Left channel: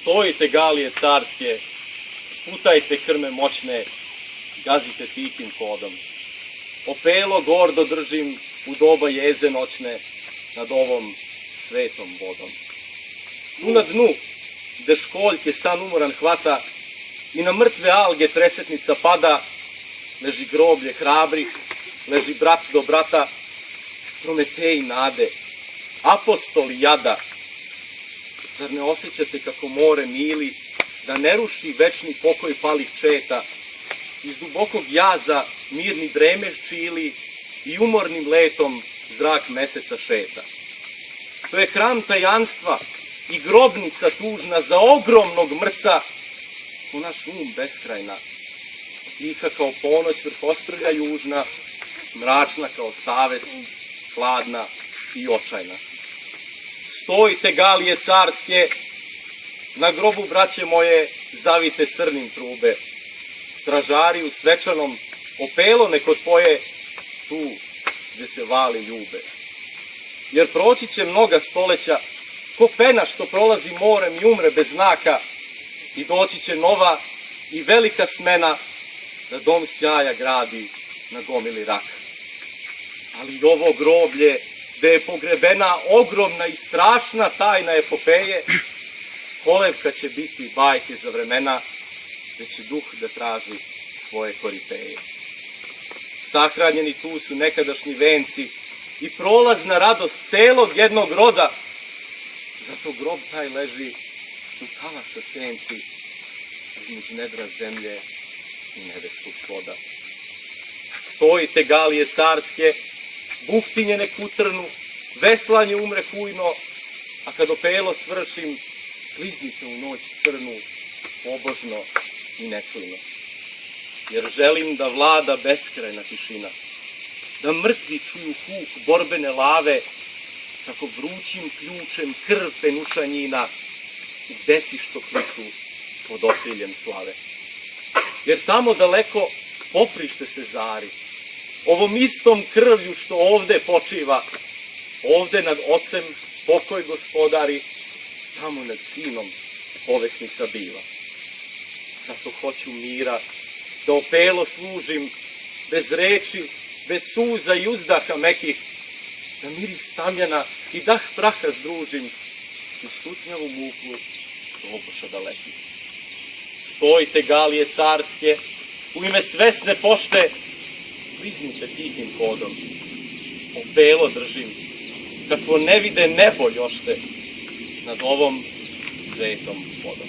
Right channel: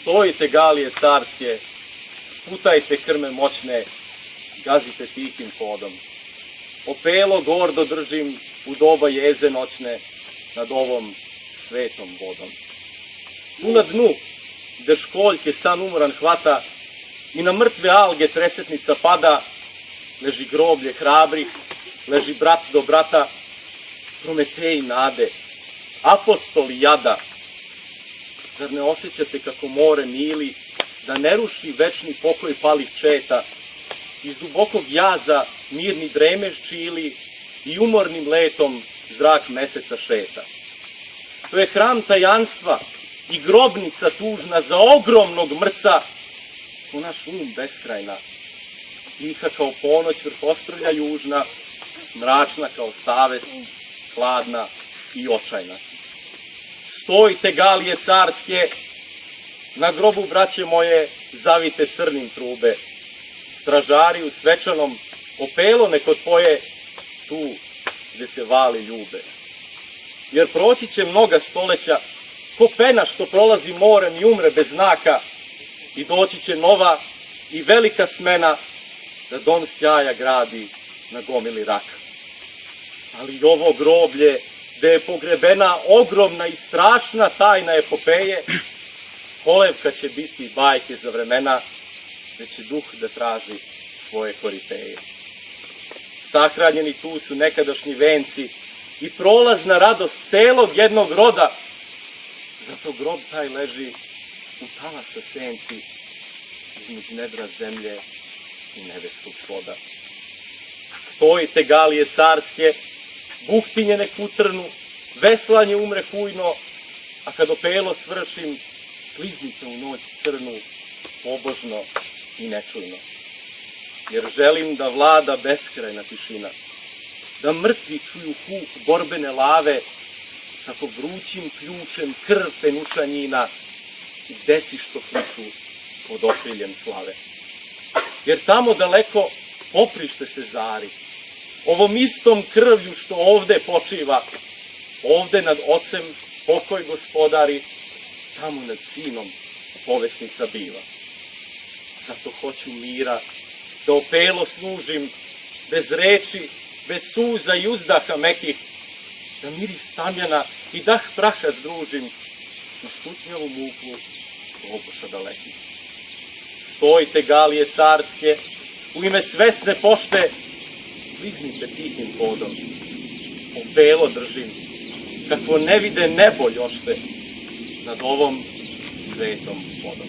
Stojite galije carske, sputajte krme moćne, gazite tihim hodom. Opelo gordo držim u doba jeze noćne nad ovom svetom vodom. Tu na dnu, gde školjke san umoran hvata i na mrtve alge tresetnica pada, leži groblje hrabrih, leži brat do brata, Prometeji nade, apostoli jada. Zar ne osjećate kako more mili, da ne ruši večni pokoj palih četa, iz dubokog jaza mirni dremež čili i umornim letom zrak meseca šeta. To je hram tajanstva i grobnica tužna za ogromnog mrca, ko naš beskrajna, tiha kao ponoć vrh ostrvlja južna, mračna kao savest, hladna i očajna. Stojite galije carske, na grobu, braće moje, zavite crnim trube. Stražari u svečanom opelo nek otpoje tu gde se vali ljube. Jer proći će mnoga stoleća, ko pena što prolazi morem i umre bez znaka, i doći će nova i velika smena da dom sjaja gradi na gomili raka. Ali i ovo groblje, gde je pogrebena ogromna i strašna tajna epopeje, kolevka će biti bajke za vremena, gde će duh da traži svoje koriteje. Sahranjeni tu su nekadašnji venci i prolazna radost celog jednog roda, zato grob taj leži u talasa senci, između nedra zemlje i nebeskog svoda. Stojite galije carske, buktinje nek utrnu, veslanje umre kujno, a kad opelo svršim, kliznite u noć crnu, pobožno i nečujno. Jer želim da vlada beskrajna tišina, da mrtvi čuju huk borbene lave, kako vrućim ključem krv penušanjina i deci što kliču pod okriljem slave. Jer tamo daleko poprište se zari, ovom istom krvlju što ovde počiva, ovde nad ocem pokoj gospodari, tamo nad sinom povesnica biva. Zato hoću mira, da opelo služim, bez reči, bez suza i uzdaha mekih, da miris tamjana i dah praha združim u stutnjavu muku oboša dalekih. Stojite galije carske, u ime svesne pošte, kliznite tihim hodom. Opelo držim, kakvo ne vide nebo ljošte nad ovom svetom vodom.